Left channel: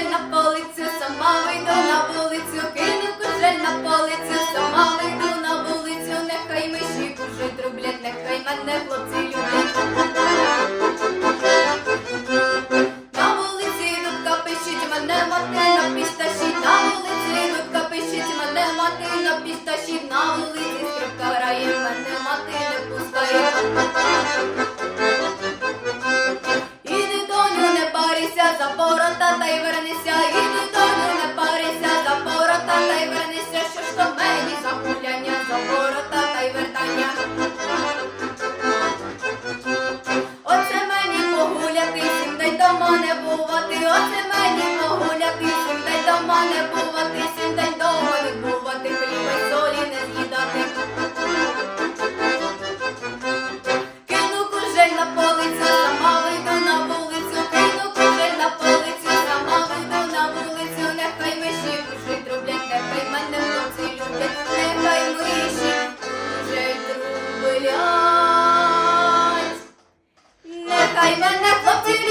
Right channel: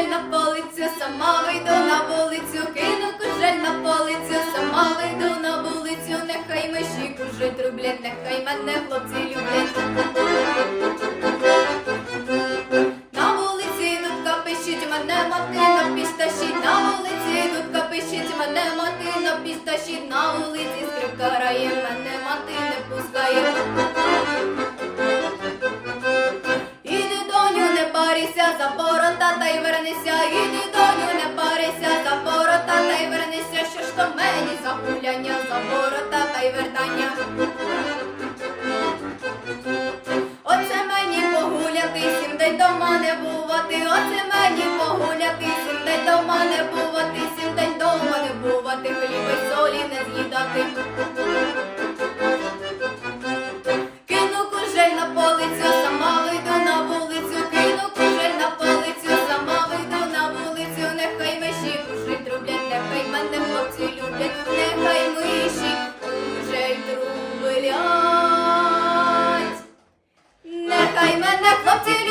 кошель на полицю, сама вийду на вулицю, кину кошель на полицю, сама вийду на вулицю, нехай миші кужить рублять, нехай мене хлопці люблять. На вулиці дудка пишіть, мене мати на пісташіть, на вулиці дудка пищить мене мати на пісташіть, на вулиці скрипка грає, мене мати не пускає. За ворота та й вернися, іди доню, не парися, за ворота та й вернися, що ж то мені за гуляння, за ворота та й вертання. Оце мені погуляти, сім день дома не бувати, оце мені погуляти, сім день дома не бувати, сім день дома не бувати, хліба й солі не з'їдати. Кину кужель на полицю, нехай миші нехай мене хлопці люблять, нехай миші й трублять. Нехай мене хлопці